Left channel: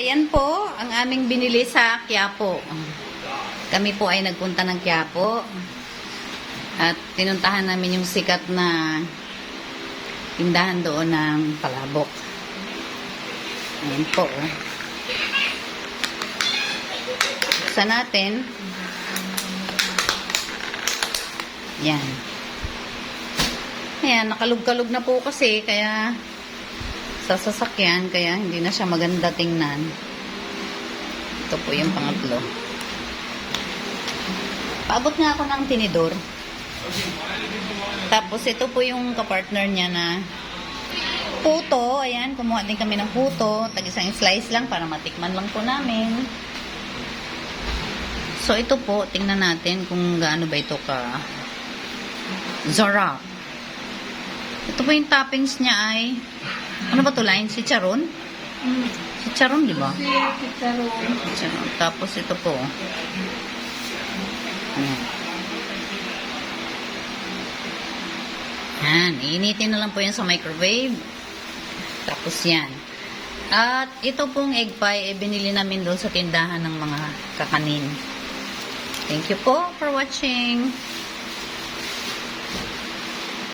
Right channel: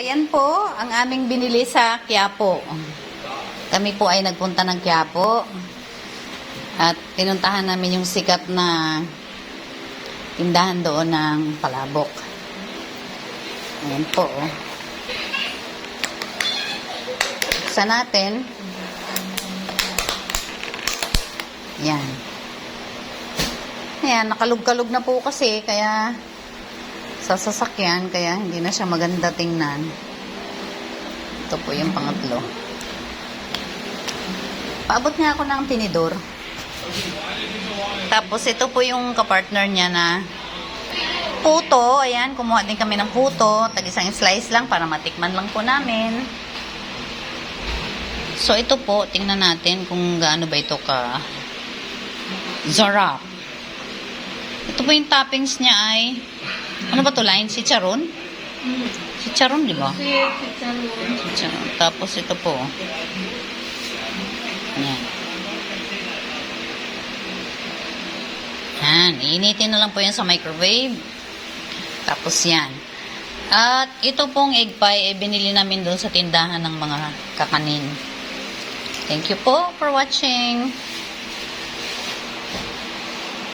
Ayan po ang aming binili sa Quiapo. Kami po ay nagpunta ng Quiapo. At pinuntahan namin yung sikat na tindahan doon ng palabok. Ayan po. oh. Sa natin. Yan. Ayan, nakalug-kalug na po kasi, kaya sa sasakyan, kaya hindi na siya maganda tingnan. Ito po yung pangatlo. Paabot nga ako ng tinidor. Tapos ito po yung kapartner niya na puto. Ayan, kumuha din kami ng puto. Tag isang slice lang para matikman lang po namin. So ito po, tingnan natin kung gaano ba ito ka zarap. Ito po yung toppings niya ay ano ba to line? Si Charon? Si Charon, di ba? Si Charon. Tapos ito po. Ayan. Yan. Iinitin na lang po yan sa microwave. Tapos yan. At ito pong egg pie, eh, binili namin doon sa tindahan ng mga kakanin. Thank you po for watching.